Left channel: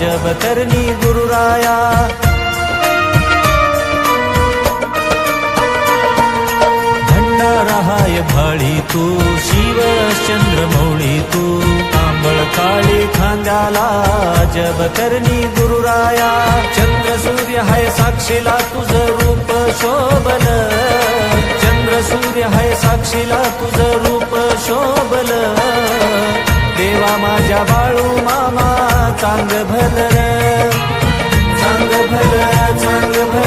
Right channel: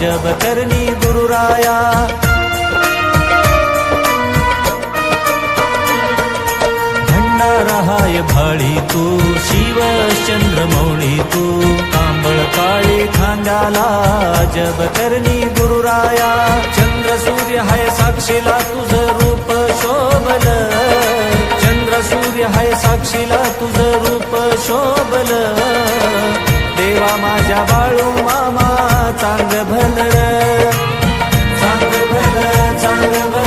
जब करनी गुरुराया। भंडारहाय भाळी तू शिव चंद्रमौळी तू, तांबळ काळी खांद्याला जब करनी गुरुराया। चंद्र सूर्य हाय साक्षीला तुझं रूप शोभल, चंद्र सूर्य हाय साक्षीला तुझं रूप शोभल। देवा माझ्या बाळू मामा चांग भल र, चांग भल, चांग भल।